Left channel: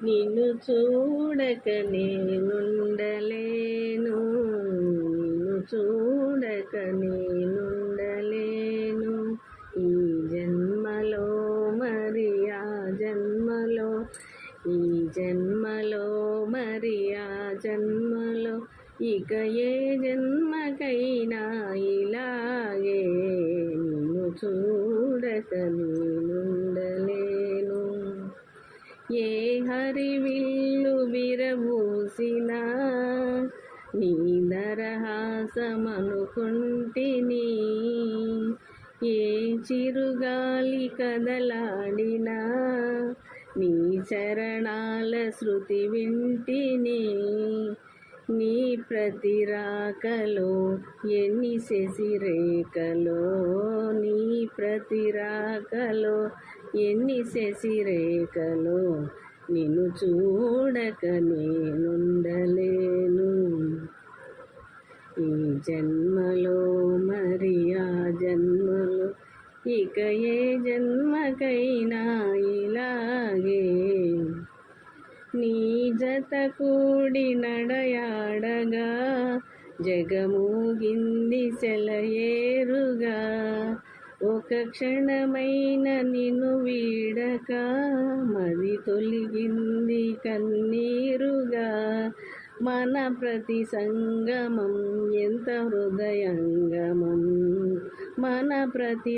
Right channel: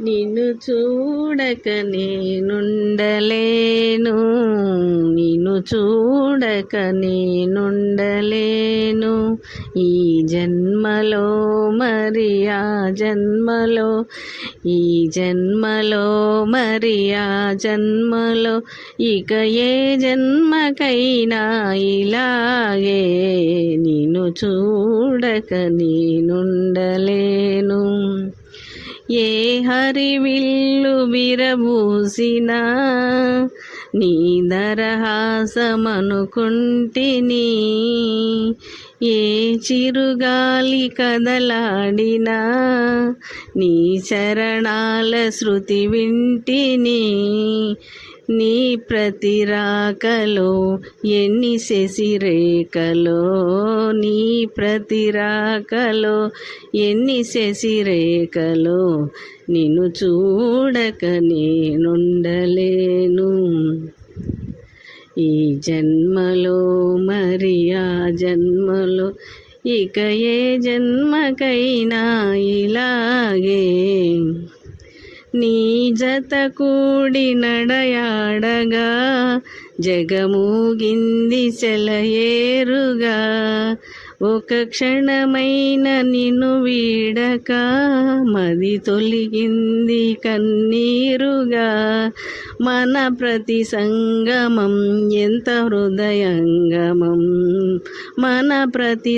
నిన్ను చూడక నేనుండలేను, నిన్ను చూడక నేనుండలేను. ఈ జన్మలో మరి ఆ జన్మలో, ఈ జన్మలో మరి ఆ జన్మలో, ఇక ఏ జన్మకైనా ఇలాగే నిన్ను చూడక నేనుండలేను. ఏ హరివిల్లు విరబూసినా నీ దరహాసమనుకుంటిని, ఏ చిరుగాలి కదలాడినా నీ చరణాల శృతి వింటిని. నీ ప్రతిరాకలో ఎన్ని శశిరేఖలో, నీ ప్రతిరాకలో ఎన్ని శశిరేఖలో, నిన్ను చూడక నేనుండలేను. ఈ జన్మలో మరి ఆ జన్మలో, ఇక ఏ జన్మకైనా ఇలాగే నీ జత కూడి నడయాడగా జగమూగింది సెలయేరుగా. ఒక క్షణమైన నిన్ను వీడక మది తొలిగింది కన్నీరుగా. మన ప్రతి సంగమం ఎంత హృదయంగమం, మన ప్రతి